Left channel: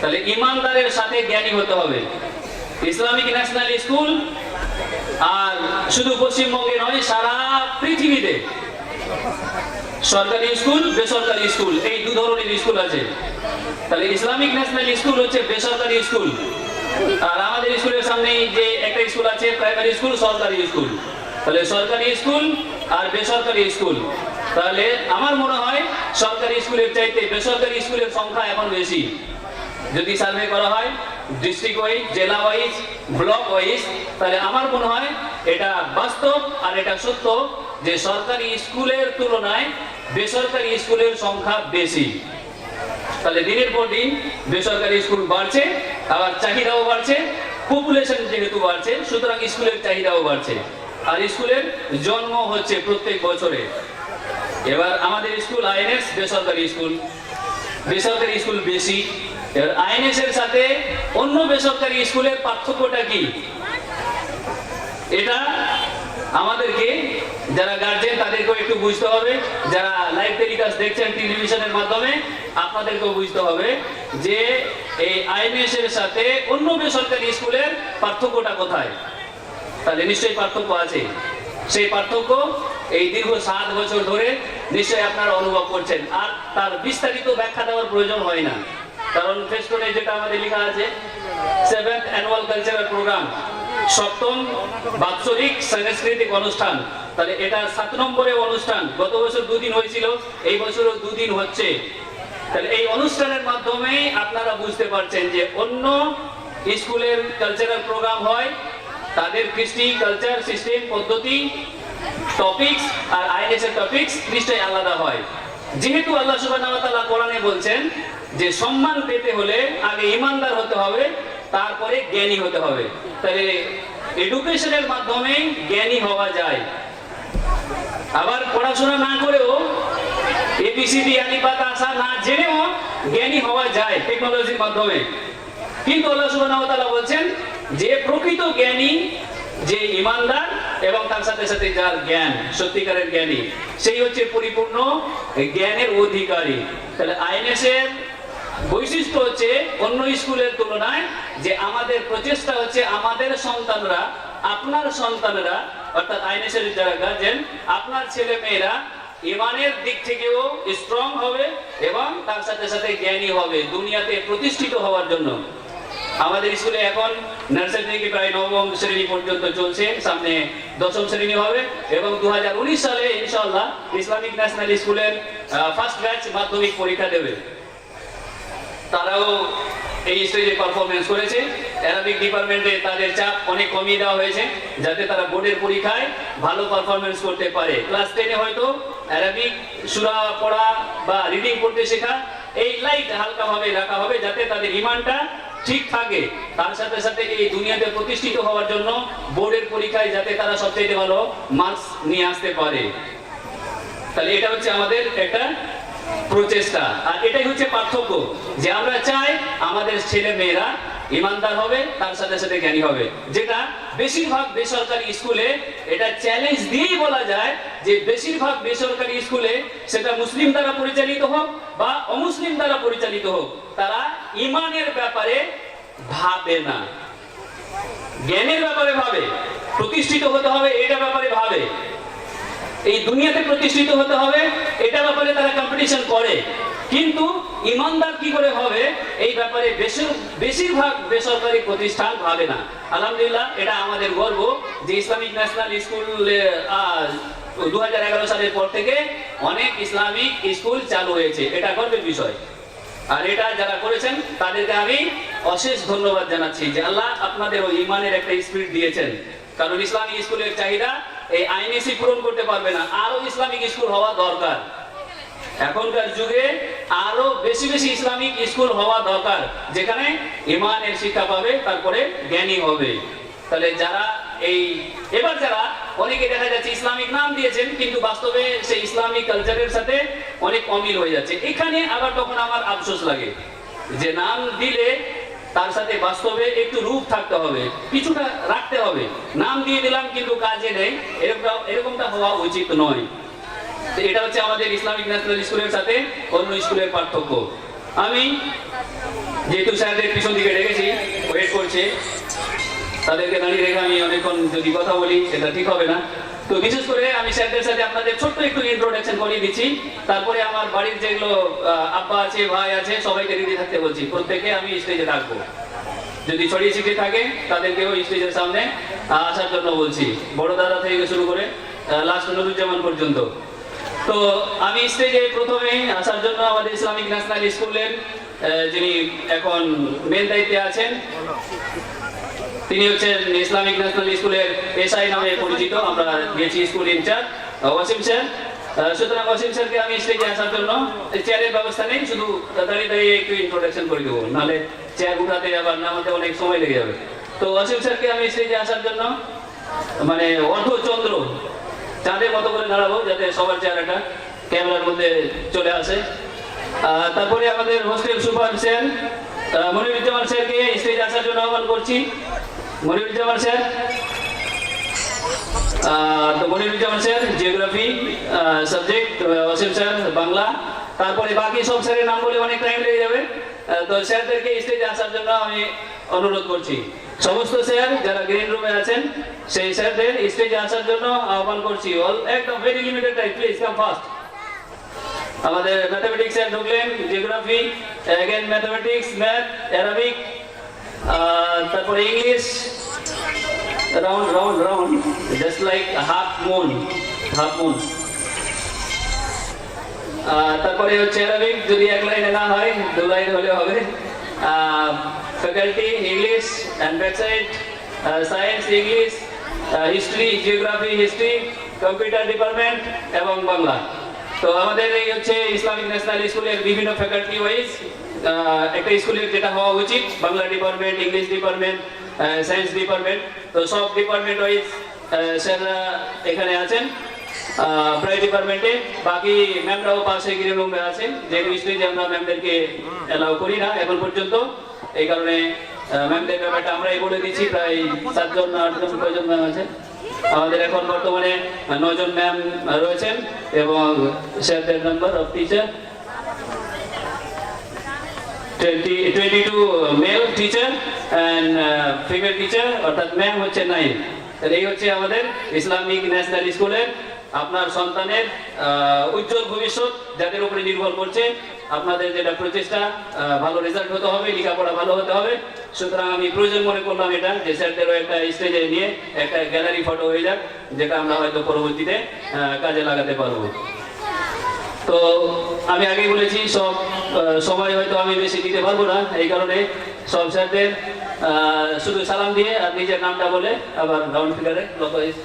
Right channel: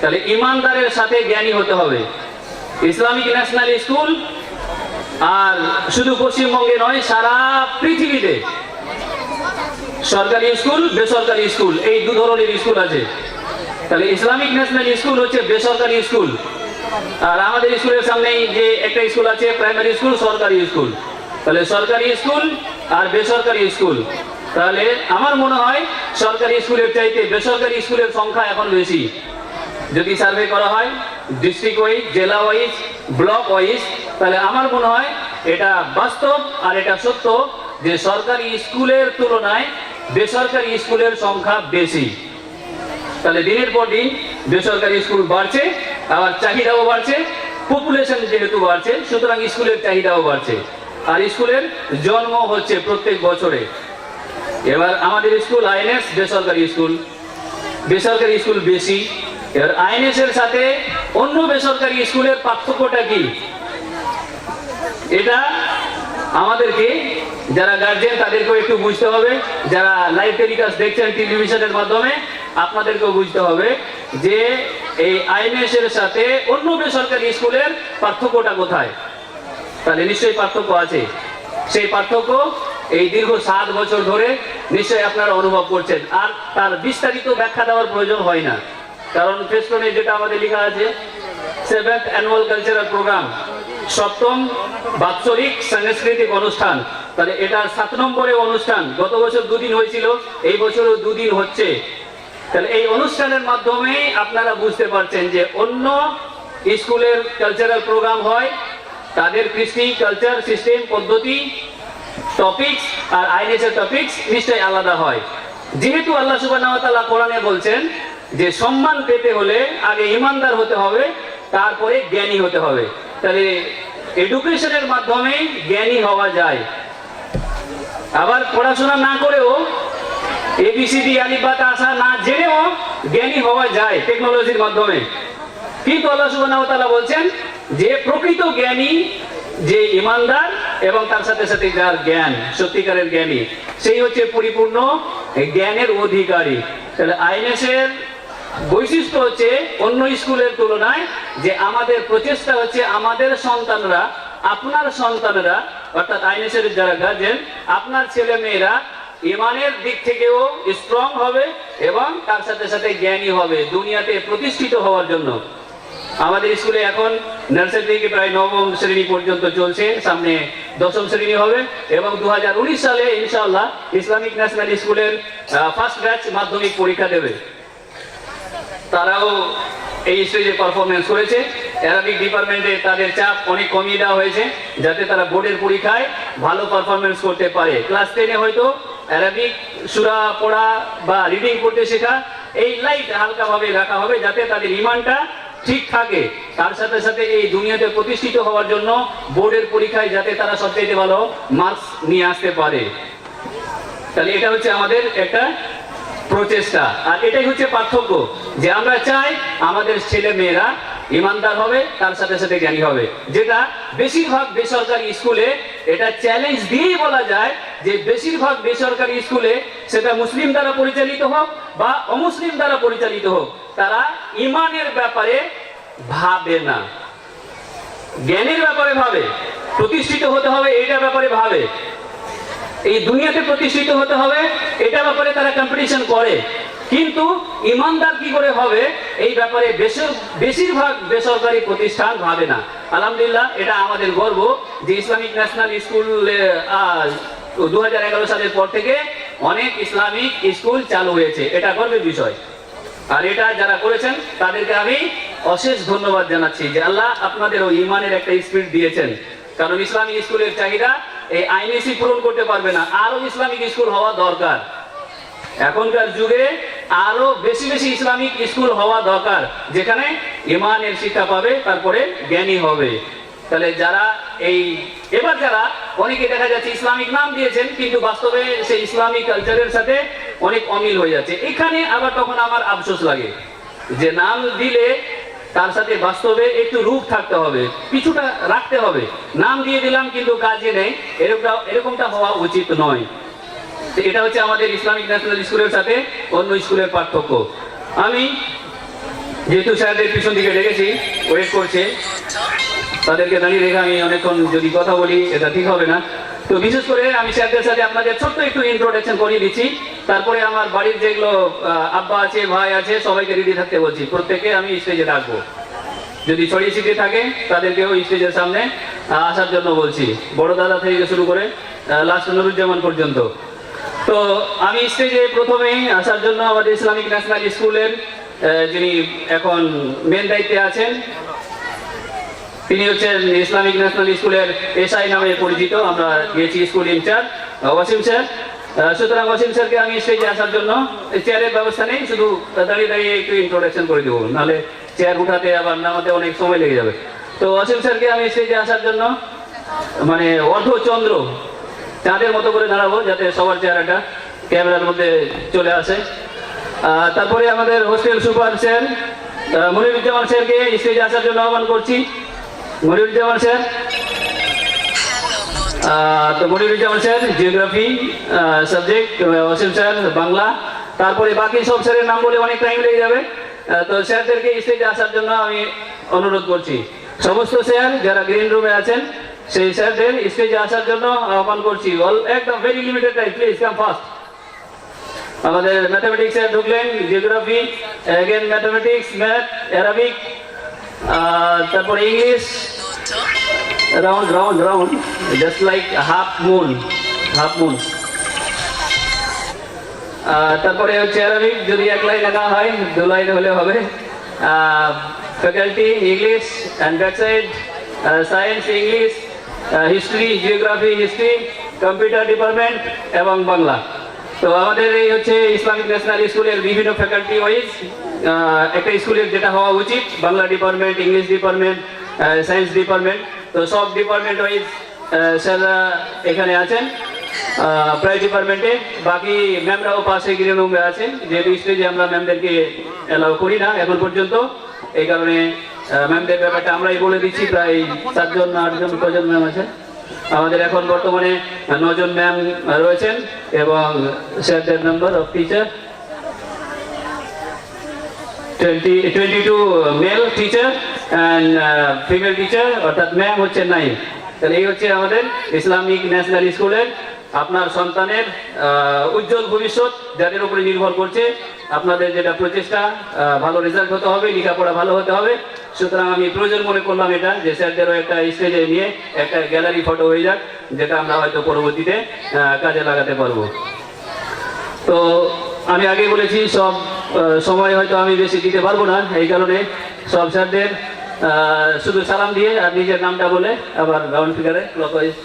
তাহলে ইমানদারের সাথে জ্ঞানী হতে হবে। ইসলামিক ন্যাশনাল স্কুল আর শুধু পশ্চিমবঙ্গে নয়, সারা পৃথিবীতে সরকারি স্কুল, বেসরকারি স্কুল, এই দু ধরনের স্কুল আছে। তাহলে ইসলামিক ন্যাশনাল স্কুল হচ্ছে বেসরকারি স্কুল, আর আমাদের স্কুলের সামনেই যে একটা স্কুল আছে প্রাইমারি স্কুল, সরকারি স্কুল। তাহলে সরকারি স্কুল আর বেসরকারি স্কুল, তাহলে আমার মনে হয় সরকারি স্কুলের চাইতে বেসরকারি স্কুলের সংখ্যা এখন বেশি। যদি সার্ভে করা হয় ডিস্ট্রিক্ট ওয়াইজ, জেলা ওয়াইজ, ব্লক ওয়াইজ, তাহলে আমার মনে হয় এটা বাস্তব আর এটা সত্য যে সরকারি স্কুলের তুলনায় বেসরকারি স্কুলের সংখ্যা বেশি। তাহলে দিনের পর দিন বেসরকারি স্কুল বাড়ছে, আবার চাহিদাও বাড়ছে, পপুলেশন যেহেতু বাড়ছে সুতরাং স্কুলের চাহিদাও বাড়ছে, আর স্কুলের জন্ম হচ্ছে প্রত্যেক বছরে। এবার আমাদের স্কুল আইএনএস বেসরকারি স্কুল, বেসরকারি স্কুল বেশি। এবার আইএনএস এর সাথে অন্য বেসরকারি স্কুলের পার্থক্যটা কি, এটা আমাদেরকে যারা গার্জেন তাদেরকেও একটু বুঝতে হবে। যারা লাইভ টেলিকাস্ট দেখছেন টেলিভিশনের মাধ্যমে আপনাদেরকেও বুঝতে হবে যে এই আইএনএস এর সাথে অন্য বেসরকারি স্কুলের পার্থক্যটা কোথায়। তাহলে নিশ্চয়ই পার্থক্য আছে। সেই পার্থক্য এই দীর্ঘ 7 বছর ধরে নিশ্চয়ই আপনারা অনুভব করছেন, আর তার বিস্তারিত ব্যাখ্যা দেওয়ার প্রয়োজন হয় না, কারণ ফেস্টনে যেটা আমাদের লেখা আছে 7th অ্যানুয়াল কালচারাল প্রোগ্রাম, 7ম বাৎসরিক সাংস্কৃতিক অনুষ্ঠান। তাহলে এটা 7 নম্বরের অনুষ্ঠান। গত বছর 2 দিন হয়েছিল, এই বছরও 2 দিন হচ্ছে। তাহলে এই অনুষ্ঠানের মাধ্যমে আপনারা বুঝতে পারছেন যে অন্য স্কুলের কালচারাল প্রোগ্রাম হয়, তাদের কৃষ্টি, কালচার, সিস্টেম, পদ্ধতি, টপিকস আর আইএনএস এর টপিকস নিশ্চয়ই আলাদা হয়। যেহেতু আল্লাহ সুবহানাহু ওয়া তাআলা কোরআনে বলছেন যে সম্মান পেতে হলে আগে ইমানদার হতে হবে, তারপরে জ্ঞানী হতে হবে। তাহলে এডুকেশনের মাধ্যমে জ্ঞানী হওয়া যায়। আবার পড়াশোনা না করেও এবিসিডি আলিফ বা তা আসা না জেনেও জ্ঞানী হওয়া যায় টেকনোলজির মাধ্যমে। কিন্তু আল্লাহ সুবহানাহু ওয়া তাআলা বলছেন যে প্রকৃত জ্ঞানী যে ইমানদার এবং তার সাথে সাথে যার জ্ঞান, সত্যিকারের জ্ঞানী, সেই হচ্ছে পরিপূর্ণ জ্ঞানের অধিকারী। তাহলে আইএনএস এর বৈশিষ্ট্য হচ্ছে অন্য স্কুলের তুলনায় যে আমাদের প্রচেষ্টা হচ্ছে আমাদের সন্তানরা, আপনার সন্তানরা অর্থাৎ আইএনএস এর যারা গার্জেন, আপনার ছেলে মেয়েরা ইমানের দিক থেকেও স্ট্রং হবে এবং তার সাথে সাথে জ্ঞানী হবে দুনিয়াতে প্রতিষ্ঠিত হওয়ার জন্য। আমাদের স্কুলে এখন নার্সারি থেকে প্রায় 9ম শ্রেণী পর্যন্ত চলছে, সামনে 10ম শ্রেণী হবে এবং 2019 সালে ইনশাআল্লাহ ইসলামিক ন্যাশনাল স্কুলের ফার্স্ট ব্যাচ মাধ্যমিক পরীক্ষা দেবে। তারাও এই স্টেজে পারফরমেন্স করেছে। অ্যারাবিক ডিপার্টমেন্টে তাদের চাপ অনেক কমিয়ে দেওয়া হয়েছে যাতে তারা বোর্ডের পরীক্ষায় ভালো পারফরমেন্স করতে পারে। ক্লাস 10-এ হয়তো অ্যারাবিক সূরা পড়া বা রিডিং করতে শেখা এই লাইট হালকাভাবে রাখা হবে যাতে তাদের ইমানটা ঠিক থাকে, তার সাথে সাথে এই দুনিয়াতে প্রতিষ্ঠিত হওয়ার জন্য বোর্ডের পরীক্ষায় যাতে তারা সবচেয়ে ভালো মার্কস নিয়ে আসতে পারে। তাহলে এটা হচ্ছে আমাদের একটা প্রচেষ্টা, আর এটাই হচ্ছে পার্থক্য যে আমরা চাই আমাদের ছেলে মেয়েরা ইমানদার হবে, তার সাথে সাথে জ্ঞানী হবে। যেটা বেশিরভাগ বেসরকারি স্কুলে এটা চ্যালেঞ্জ দিয়েই বলা যায় যে বেশিরভাগ বেসরকারি স্কুলে, সেটা মুসলিম দ্বারা পরিচালিত হোক বা অমুসলিম দ্বারা পরিচালিত হোক, তারা ইমানের ব্যাপারে ভাবে না, জ্ঞানের ব্যাপারে ভাবে। প্রতিষ্ঠিত হতে হবে এটা ব্যাপারে ভাবে, এই দুনিয়াতে প্রতিষ্ঠিত হতে হবে এটা ব্যাপারে তারা কম্পিটিশন করে, কিন্তু ইমানদার কি করে হবে এই ব্যাপারে বেশিরভাগ বেসরকারি প্রতিষ্ঠান ভাবে না। আলহামদুলিল্লাহ, এটা আমাদের গর্ব যে ইসলামিক ন্যাশনাল স্কুল 2011 সালের পর থেকে অনেক ইসলামিক স্কুল চালু হয়েছে, এটা গর্বের বিষয়। আর এটা যারা করেছেন তাদেরকে আমি অশেষ ধন্যবাদ জানাচ্ছি যে আল্লাহ আপনাদের ওই ইমানের একটা স্পিরিট দিয়েছেন, কারণ ইসলামিক স্কুলের চাহিদা এই আইএনএসই পূরণ করতে পারবে না, আরো ইসলামিক স্কুল হওয়া দরকার। এখনকার যুগে আরো বেশি বেশি ইসলামিক স্কুল হওয়া দরকার যেখানে ইমানের শিক্ষা পাবে, তারপরে জ্ঞানী হবে। তাহলে যারা এবার যারা অনেকে দেখা যাচ্ছে ইসলামিক নাম দিয়েছেন কিন্তু বাস্তবে সেই ইসলামিক কালচারের সাথে অনেক অমিল হয়ে যাচ্ছে, এখানে আবার তখন আমার আফসোস লাগে যে নাম দিলে তার সাথে বাস্তবে একটু রূপ থাকতে হবে, কিছুটা রাখতে হবে। নাম দিয়ে দিলাম কিন্তু কাজে নেই, এরকমটা হওয়া উচিত নয়। এটা হচ্ছে আমাদের ইসলামিক ন্যাশনাল স্কুলের সাথে অন্য স্কুলের পার্থক্য। আমি যেহেতু স্যারদের পিছন দিকে রেখেছি, ওয়েট করছে, তাদেরকে দাঁড়িয়ে রেখে আমি অনেকক্ষণ যদি কথা বলি এটা ঠিক হবে না। তো বিশেষ করে আমি স্যারদের সাথে আপনাদের ছোট্ট একটু ইন্ট্রোডাকশন করিয়ে দিচ্ছি, তারপরে আমার বাড়ির যেগুলো আব্বা আছে, ভাই আছে, সবাইকে রেডি থাকতে বলছি, প্রত্যেককে আমি স্টেজে ডাকবো। যদি ছড়িয়ে ছিটিয়ে থাকে তাদেরকেও স্টেজের সামনে আসার জন্য বলছি, বড় দাদা থেকে শুরু করে লাস্ট নুরুজ্জামান পর্যন্ত। তো আমি স্টেজে প্রথমে আসার জন্য আমাদের ইসলামিক ন্যাশনাল স্কুলের যিনি এখন মেন দায়িত্বে আছেন, তিনি হচ্ছেন ইসলামিক ন্যাশনাল স্কুলের এসআই নামে পরিচিত, আমরা দিয়েছি স্কুল ইনচার্জ ওয়াসিম স্যার। সুতরাং ওয়াসিম স্যারকে আমি স্টেজে আসার জন্য, চেয়ারের ব্যবস্থা নেই, শুধু দাঁড়িয়ে দাঁড়িয়ে একটু ইন্ট্রোডাকশন করে দেবো, নাহলে চেয়ার উঠাতে আবার নামাতে অনেক সময় লেগে যাবে। তো ওয়াসিম স্যারকে আমি স্টেজে আসার জন্য মানে অর্ধচন্দ্র চাঁদের মতো করে দাঁড়াবো, যাতে সবার চেহারাটা ক্যামেরার মধ্যে চলে আসে। তারপরে আমাদের হোস্টেল সুপার স্যার মনিরুজ্জামান স্যারকে স্টেজে আসার জন্য আহ্বান করছি। মনিরুজ্জামান স্যার, তো Moniruzzaman sir geography subject, Wasim sir Bangla, তারপরে বাকি সব স্যারের নাম বলে অনেক টাইম লেগে যাবে। তো স্যারদেরকে স্টেজে আসার জন্য আমি অনুরোধ করছি। সমস্ত স্যার যারা গ্রিন রুমে আছেন সেই স্যারদের স্টেজে আসার জন্য আহ্বান করছি। একদম very limited time, please come fast. আমাদের ম্যাথামেটিক্স স্যার ঢুকলেন, geography, again mathematics, math, Arabic, তারপরে English, round round round just like half moon, half moon. তারপরে হচ্ছে অ্যারাবিক, যদি এক লাইনে না হয় 2 লাইনে হলে হবে। Faculty English and backside, science English, history geography history, computer department এবং বাংলা। তো আমাদের এই হচ্ছে ইসলামিক ন্যাশনাল স্কুলের বিভিন্ন ফ্যাকাল্টি ওয়াইজ একটা স্কুলের যেটা হওয়া উচিত, Bangla department, English department, science department. তো সব ডিপার্টমেন্ট ওয়াইজ স্যাররা এখানে আছেন প্রায় ডিপার্টমেন্টে। বাকি ম্যামরাও পাশে গ্রিন রুমে আছেন, যেহেতু স্টেজে আমরা ম্যামদেরকে অ্যালাউ করি না এখন পর্যন্ত, এই কারণে ম্যামদের ব্যাপারটা আমরাই বলে দিচ্ছি। প্রায় 7 জন 8 জন কজন ম্যাম আছেন আমাদের, এখন বর্তমানে 9 জন ম্যাম রয়েছেন এবং স্যারদের number of teacher 22 mail teacher and female teacher, অর্থাৎ ম্যাম হচ্ছে 9। তাহলে এই হচ্ছে আমাদের ইসলামিক ন্যাশনাল স্কুলের আপনার সন্তানের উজ্জ্বল ভবিষ্যৎ, যাদের উপরে নির্ভর করছে আপনাদের যেটা প্রচেষ্টা, ভালো রেজাল্ট হতে হবে, লেখাপড়া ভালো হতে হবে। সুতরাং আমি প্রয়োজন মনে করলাম এটা, যে স্যারদেরও একটা স্টেজে নিয়ে একটা গ্যালারি ফটো হয়ে যাক, যেটা আমরা হয়তো পরবর্তীতে কাজে লাগাতে পারবো। তো আমি আগেই বলেছি সব সময় হয়তো আমি বেশি দিতে পারবো না, এই কারণে সব স্যারদের শুধু সালাম দিয়ে আর নিজের নামটা বলে আবার রাউন্ড ফিগারে clockwise.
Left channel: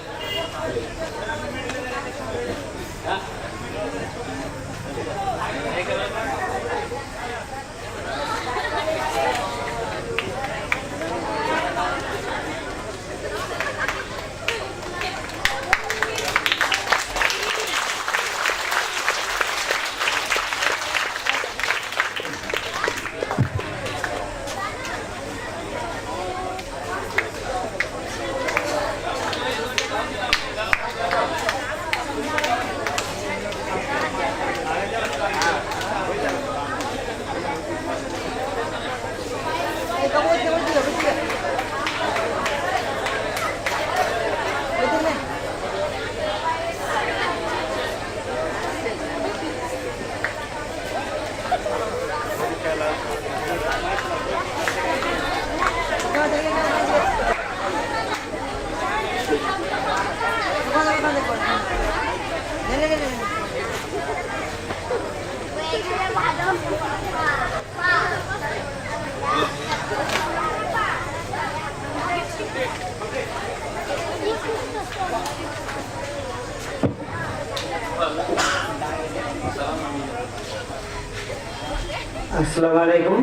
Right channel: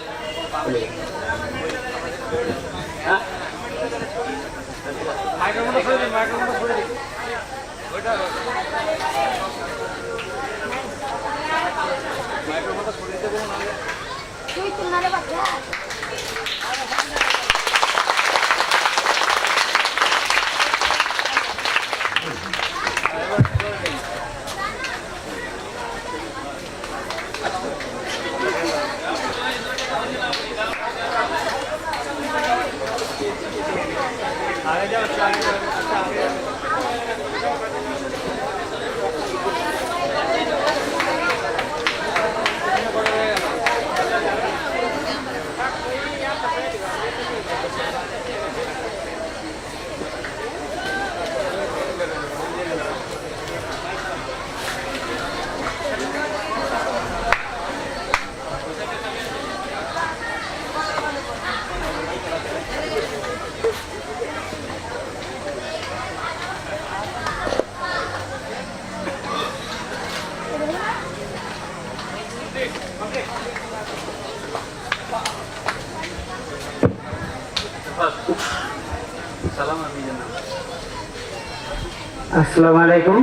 Assalamu alaikum.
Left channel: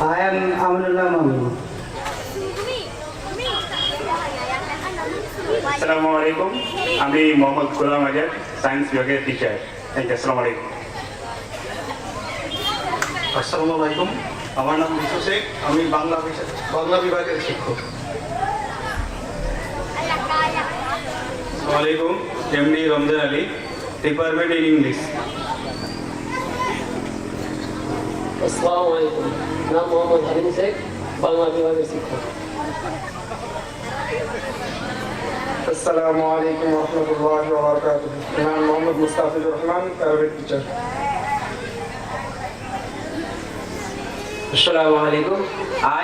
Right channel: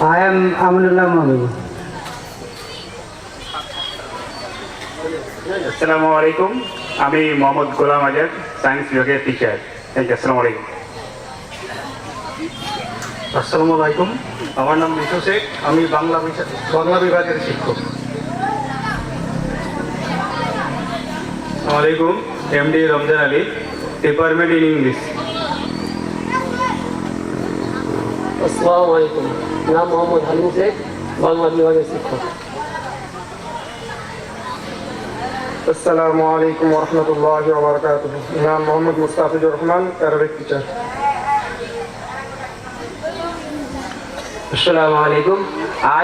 I am Aminullah Momin. আসসালামু আলাইকুম, আমি মোহাম্মদ গোলাম আজাদ, সায়েন্স বিভাগের টিচার। আসসালামু আলাইকুম। আসসালামু আলাইকুম, আমার নাম বিশু শেখ, আমি বাংলা বিভাগের শিক্ষক। আসসালামু আলাইকুম, MD Ramzan Ali, department in English. আসসালামু আলাইকুম, নাম মোহাম্মদ হালিম শেখ, বাংলা বিভাগের শিক্ষক। আসসালামু আলাইকুম রহমতুল্লাহি ওয়া বারাকাতুহু। নাম Mohammad Mustafizur Rahman, Arabic teacher. Assalamu alaikum.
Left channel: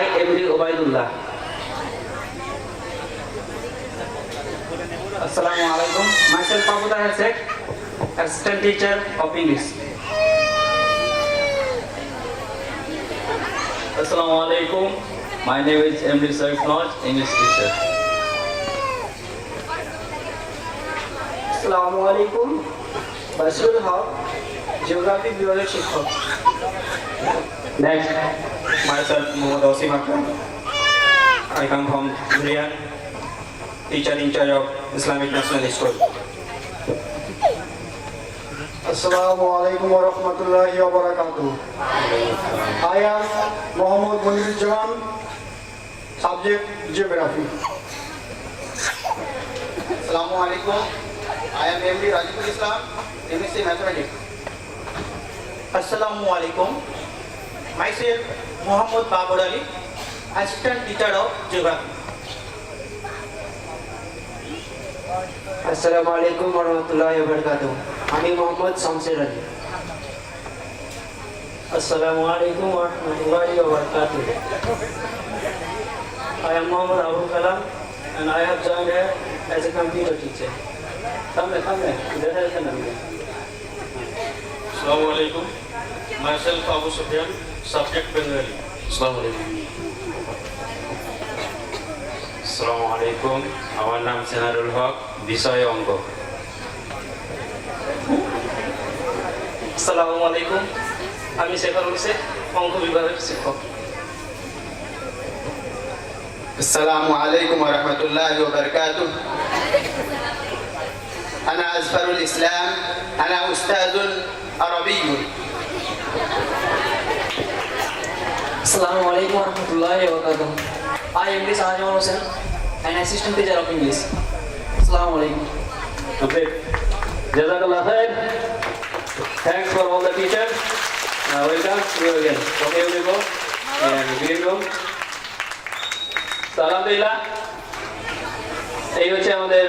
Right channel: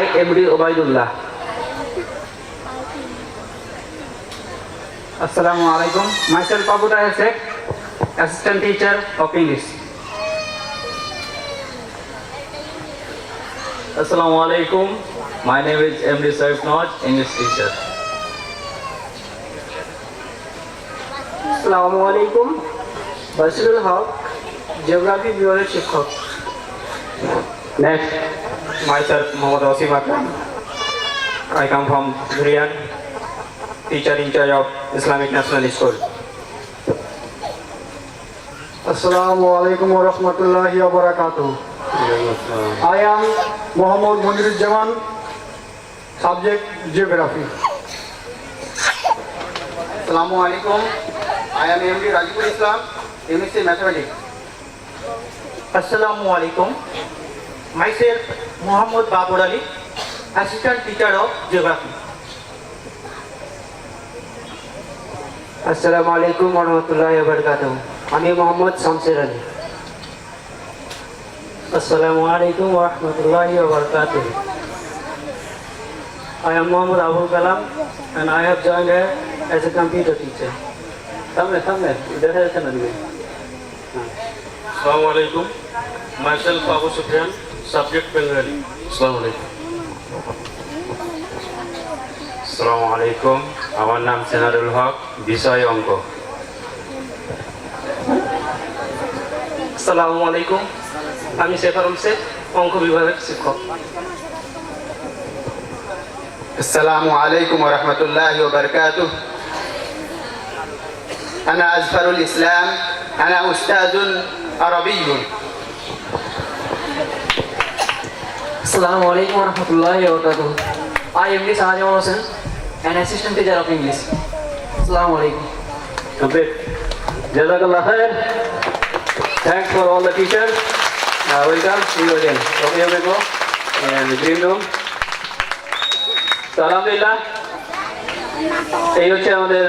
I am D. Ubaidullah. Assalamu alaikum. Myself Abu Tahir Sheikh, assistant teacher of English. Assalamu alaikum. My name is Emre Saif Noj, English teacher. আসসালামু আলাইকুম, বাশিরুল হক, জিওগ্রাফি বিভাগের শিক্ষক। Next. Myself, Mohammad Asim Akram. I come from Durian, teacher in charge of Islamic National School. Assalamu alaikum wa rahmatullahi wa barakatuh. I am Mohammad Muniruzzaman, subject geography. আসসালামু আলাইকুম, I am MD Rajibul Islam, MSc Mathematics. Assalamu alaikum, myself Muhammad Babur Ali, assistant teacher of geography. Assalamu alaikum wa rahmatullahi wa barakatuh. আমি মোহাম্মদ শামসের আলী। আসসালামু আলাইকুম ওয়া রাহমাতুল্লাহি ওয়া বারাকাতুহু। I am Muhammad Abul Kalam and I have joined here as a computer teacher. সামনে দেখা যাচ্ছে না দিকে। Assalamu alaikum. Myself, Abu Sufyan, subject Bengali. Assalamu alaikum. Assalamu alaikum. আমার নাম সেনারুল হক, বিষয় অঙ্ক। আসসালামু আলাইকুম, আমি সেফারুল শেখ, অঙ্ক বিভাগের শিক্ষক। السلام عليكم ورحمة الله وبركاته. أنا أزفر الإسلام، أنا أستاذ عربي. আসসালামু আলাইকুম ওয়া রাহমাতুল্লাহি ওয়া বারাকাতুহু। I am Sahajamal Hossain, an assistant teacher of English. আসসালামু আলাইকুম। Complete. Jazakallah khair. Thanks for all the teachers. Welcome. See you again. Romeo Beglo and Green Room. আলহামদুলিল্লাহ, এই হচ্ছে আমাদের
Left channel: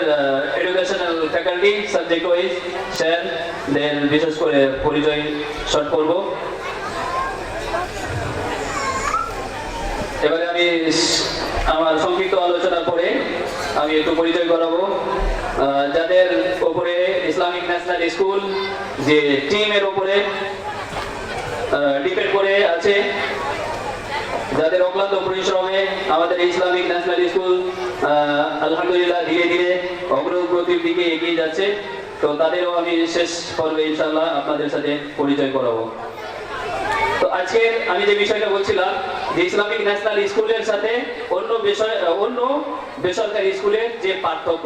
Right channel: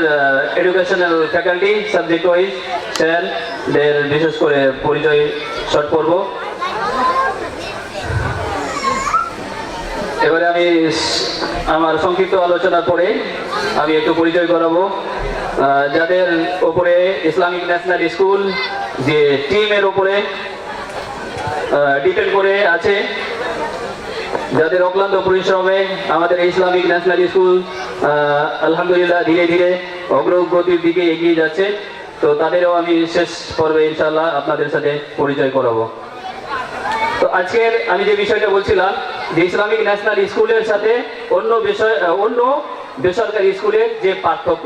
এডুকেশনাল ফ্যাকাল্টি সাবজেক্ট ওয়াইজ স্যারদের বিশেষ করে পরিচয় শর্ট পর্ব। এবারে আমি আমার সংক্ষিপ্ত আলোচনার পরে আমি একটু পরিচয় করাবো যাদের ওপরে ইসলামিক ন্যাশনাল স্কুল যে টিমের ওপরে ডিপেন্ড করে আছে, যাদের অক্লান্ত পরিশ্রমে আমাদের ইসলামিক ন্যাশনাল স্কুল আলহামদুলিল্লাহ ধীরে ধীরে অগ্রগতির দিকে এগিয়ে যাচ্ছে। তো তাদেরও আমি শেষ পর্বে ইনশাআল্লাহ আপনাদের সাথে পরিচয় করাবো। তো আজকের আমি যে বিষয়টা বলছিলাম যে ইসলামিক ন্যাশনাল স্কুলের সাথে অন্য বেসরকারি স্কুলের যে পার্থক্য।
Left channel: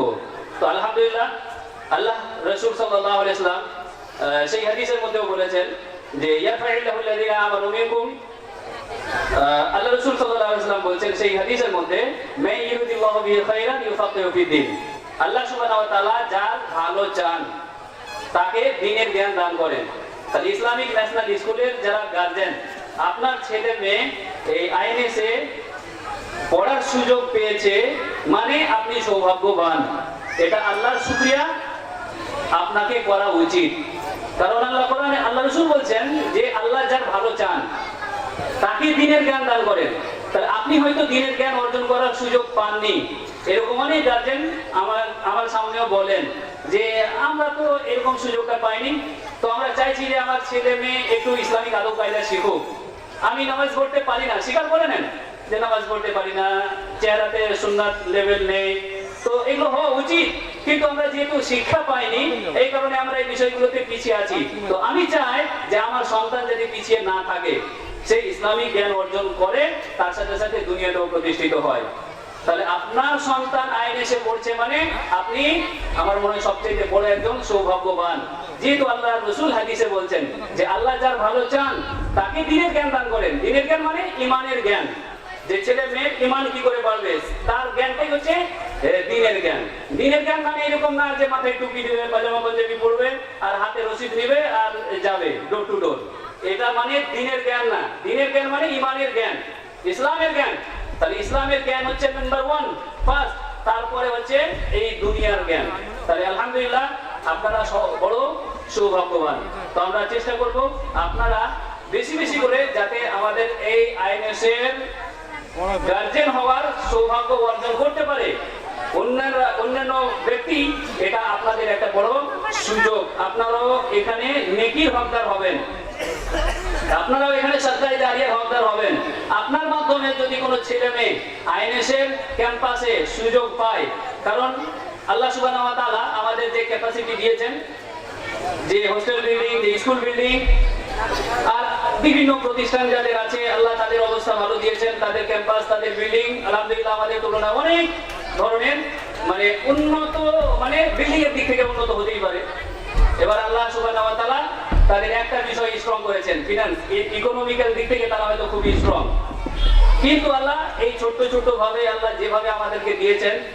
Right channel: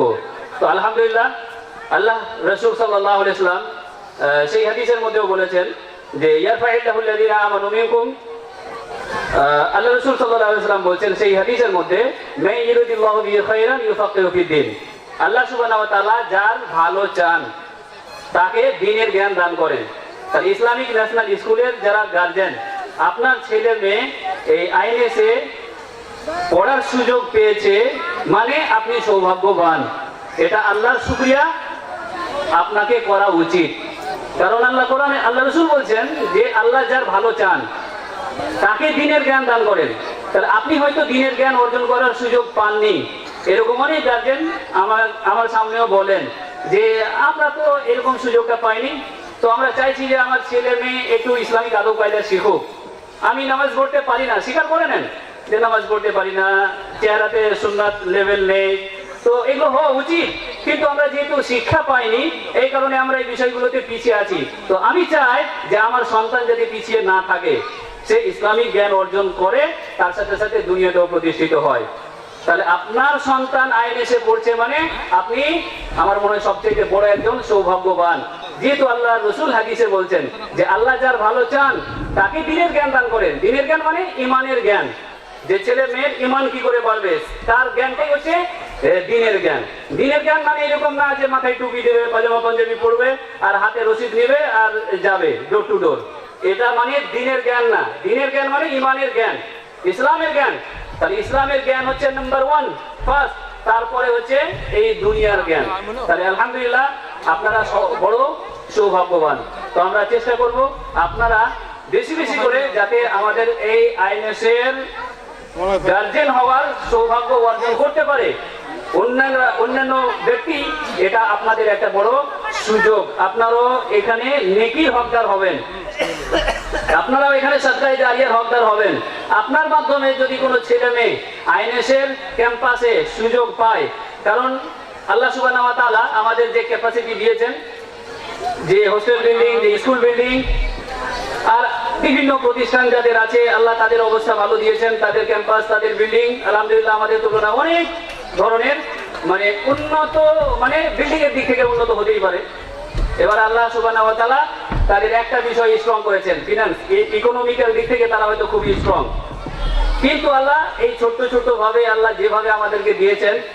তো আলহামদুলিল্লাহ আল্লাহ রাসূল সাল্লাল্লাহু আলাইহি ওয়াসাল্লাম সেই হাদিসের মধ্যেও বলেছেন যে ইয়ারফাইল্লাহু আল্লাযীনা আমানু মিনকুম। আল্লাহ রাসূল সাল্লাল্লাহু আলাইহি ওয়াসাল্লাম বলেছেন সেই হাদিসের মধ্যে মা ইউরিদুল্লাহু বিহি খায়রান ইউফাক্কিহু ফিদ্দিন। আল্লাহ সুবহানাহু ওয়া তাআলা যার ভালো চান তাকে দ্বীনের জ্ঞান দান করেন। আর ইসলামিক ন্যাশনাল স্কুলের যারা গার্জিয়ান, আপনার ছেলে মেয়ে এই আইএনএসে পড়ার সুযোগ পেয়েছে মানে আপনি সৌভাগ্যবান। এটা আল্লাহর শুকরিয়া আপনাকে করা উচিত। কারণ আল্লাহ কোরআনে আল্লাহ রাসূল বলছেন যে আল্লাহ যার ভালো চান তাকে দ্বীনের জ্ঞান দান করেন। তাহলে আপনি হয়তো দ্বীনের জ্ঞান অর্জন করার সুযোগ পাননি। এরকম অনেক গার্জেন আমার সামনেও বলেন যে আমরা তো এরকম সুযোগটা পাইনি। তো আমরা চাইছি যে আমার ছেলে মেয়ে একটু ইসলামিক আদব কায়দা শিখুক। আমি নামাজ পড়তে পারি না, স্বীকার করে নেন যে নামাজ পড়তে পারি না, চেহারাতে সুন্নাত লেভেল নেই। তো এগুলো হওয়া উচিত, কিন্তু আমরা যেহেতু শিক্ষা পাইনি এই কারণে আমরা এই বিষয়গুলোতে পিছিয়ে আছি। তো আমি চাই যে আমার সন্তান যদি পিছিয়ে না থাকে, সে ইসলামিক জ্ঞান অর্জন করে, তার সাথে সাথে দুনিয়াতেও প্রতিষ্ঠিত হয়। তাহলে আপনার সন্তান আইএনএসে পড়ছে মানে আপনি আমার মনে হয় সবচেয়ে বড় একজন সৌভাগ্যবান। যেহেতু আল্লাহ রাসূল হাদিসে বলছেন যে আল্লাহ যার ভালো চান তাকে দ্বীনের জ্ঞান দান করেন। দ্বীনের জ্ঞান মানে ইমানের জ্ঞান। যে ছেলে মেয়ের ইমান কি করে বাড়বে তার জ্ঞানটাই হচ্ছে দ্বীনের জ্ঞান। দ্বীনের জ্ঞান মানে এরকম না যে মাথায় টুপি দেবে, পাজামা পাঞ্জাবি পরবে আর হাতে রশিদ নেবে আর যাবে ডোর টু ডোর। এটা মানে দিনের জ্ঞান না, দিনের জ্ঞান মানে ইমানের জ্ঞান, ইসলামের জ্ঞান। তাহলে ইসলামের জ্ঞান হচ্ছে নাম্বার 1 ফার্স্ট, তারপরে হচ্ছে এই দুনিয়ার জ্ঞান। তাহলে আলহামদুলিল্লাহ আপনারা বড় সৌভাগ্যবান। তো আমরা চেষ্টা করব আপনারা বেশি বেশি করে যাতে আমাদের এই আইএনএস-এর গার্জেন হওয়ার সৌভাগ্য অর্জন করতে পারে। অন্যান্য ব্যক্তি, এটা আপনাদের একটা বড় সুযোগ। আপনারাও এখানে নেকির হকদার হবেন, আপনারাও এখানে সাদকায়ে জারিয়ার হকদার হবেন। আপনার মাধ্যমে যদি কোনো ছেলে মেয়ে আইএনএস-এর ক্যাম্পাসে সুযোগ পায়, কারণ আল্লাহ সুবহানাহু ওয়া তাআলা আমাদের যে ক্যাপাসিটি দিয়েছেন, যে হোস্টেল বিল্ডিং, যে স্কুল বিল্ডিং আর বিভিন্ন প্রতিষ্ঠান যাদের আছে, আল্লাহ তাদের অবস্থা ভালো দিয়েছেন, তাদের ক্যাম্পাস, তাদের বিল্ডিং আলহামদুলিল্লাহ আমাদের তুলনায় অনেক ধরনের মানে উন্নত, মানে বিল্ডিং এর দিক থেকে উন্নত হতেই পারে। এবার আল্লাহ সুবহানাহু ওয়া তাআলা তাদের একটা বিষয় স্ট্রং করেছেন, ফিনান্স, ইকোনমিক্যাল দিক থেকে তারা হয়তো খুবই স্ট্রং, কিন্তু আল্লাহ এই ছোট্ট ছোট্ট ভাবে আল্লাহ যেভাবে আমাদেরকে দিয়েছেন